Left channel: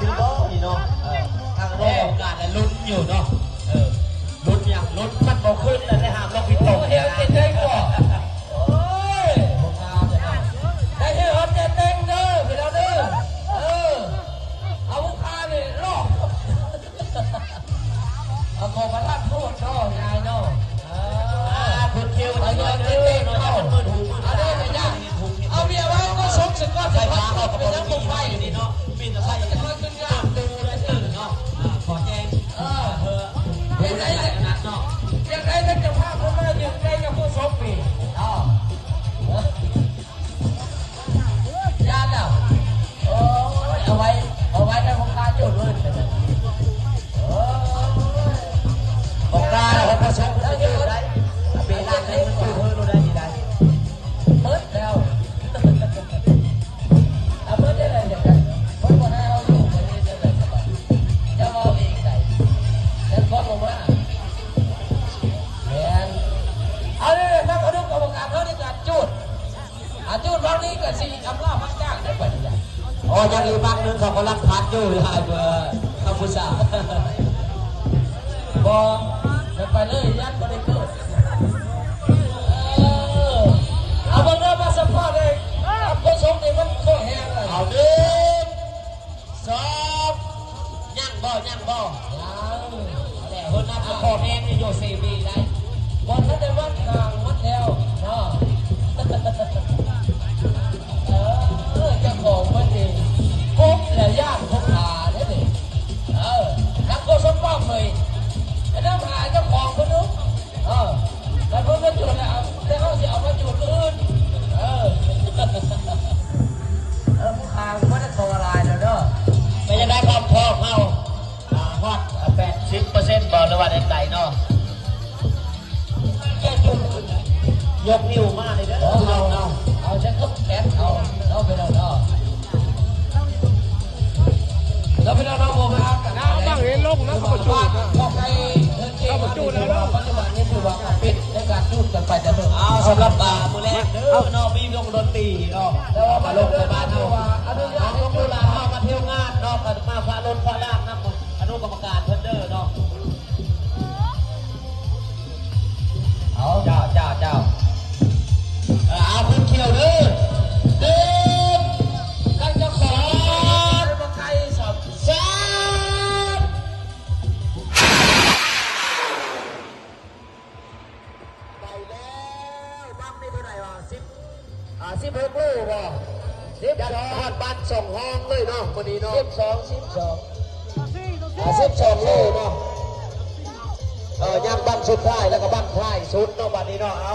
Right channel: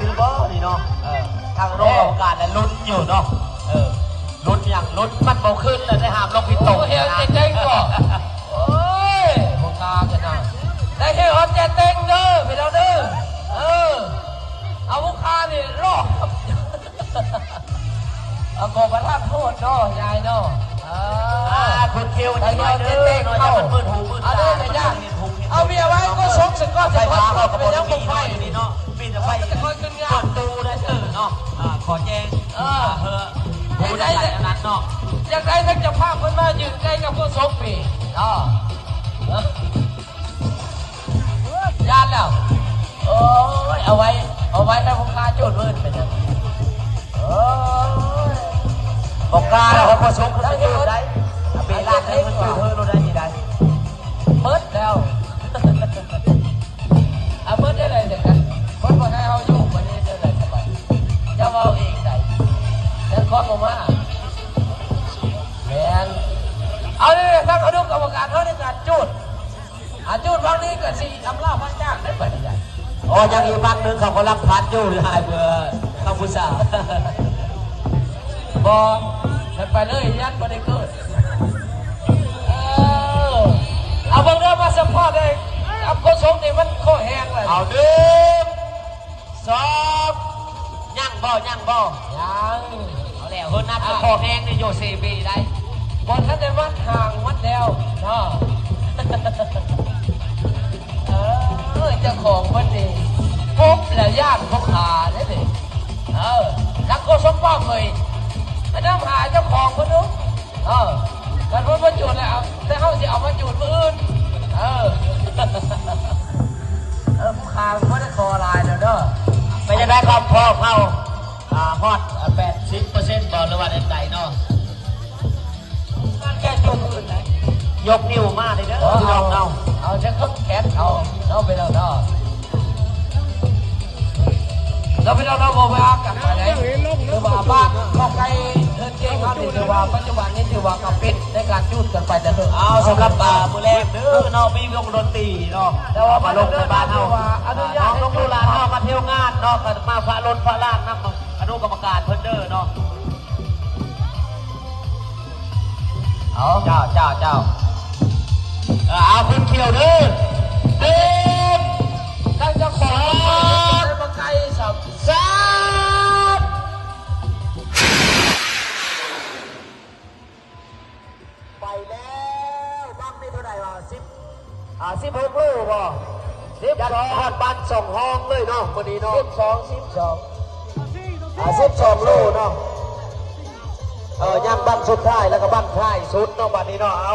ซิลเวอร์นี่เนาะทางโลกอากาศลุ้นอยู่เนาะลุ้นอย่างลุ้นมันโตขึ้นเลยได้หามลงพิตกเฮียเจ๊งก่อนโอ้ยพงงามจะนั่งได้แค่ฮอตแกเต็งเด้อไปแล้วเด้อเอาพวกข้าเนี่ยรอดเอาโกกระทะพูดเนาะยายเนาะคุณเที่ยวจะเต้นเข้ามือหูมือตาเอาเมียไว้ก็ชกสึกก็ไฟฟ้าก็เป็นน้ำไฟเนาะมีแต่ไฟแต่ก็ขึ้นงานตูเลยเนาะขอแจ้งดูได้นัดเนาะยังไงท่านจะพาคนมายืนใกล้กับผู้ชกปียานแล้วโอ้ยเอาไว้แล้วพวกข้าจุดมืดไปนะพวกข้าแล้วผู้ชกก็ยืนได้เป็นร้านได้มันคือเธอรู้ได้ที่ใดเปิดแล้วเปิดได้เลยเด็กกันเปิดวันไหนเอาอยู่ไปได้เลยจะเอาเองได้แล้วขอลงมาแรงเอาเลยถ้าเขาดูกรรมการเขาได้การจุดวันนี้ก็สิ่งทำล่าพันจ้างได้ไปเลยอ๋อยังอีกบ้านนึงเขาก็รับพันอยู่หรืออะไรเพื่อเขาผู้ชายบอกไปเลยยันก็ได้เกิดเอาบังเอิญมาสัมภาษณ์เลยคนสงนี่มันข้อแห้งเลยเอา1 2ย่างบ่ยังแล้วเฮือนับข้อแห้งนี่โยเซบีได้บอลท่านได้วัดห่างวัดแล้วเจ้าของวันนี้พบแล้วญาติพบหาได้ดิรักก็สมป้องเลยแต่น้ำหาเจ้าของคนนู้นมันพ้นมาจุดแล้วแต่เขาจะเอามาจุดมืออื่นคางไม่ได้คอลายเด้อไม่ได้ความพอเข้าฮอต80%บอลระหว่างใจเนาะแค่จุดยกนิ้วมาเลยเด้อเอาจะคึกแขนเขาไปแล้วเนาะเราไปเราโมไปอากันนะเห็นลงนะเขาบ้านก็ไกลเก่งมาดูนะว่าปัจจุบันนี้ถือว่าปิดในการจุดกันไปแต่เอาสำหรับมือแรกเนาะมีวงดนตรีเนาะแต่ว่ามาลงในบ้านเฮาน้องลงดูลานเฮามาเที่ยวงานเนาะกันมาฟ้าล้นฟ้าล่างนั่งอนุกรรมการเพิ่นเด้อเนาะเจ้าเอาเพิ่นเที่ยวเด้อแล้วจะขอมาไกลสับไปแล้วบ้างนี่เท่าไหร่วะ16 ลูกบ่12ฮอดบ้าน2 ห้องเลยเนาะวันนี้เนาะ12 ลูกเนาะยังบ้านสุดท้ายแล้วก็บ้านท้ายสุดเนาะบัดนี้เนาะเอา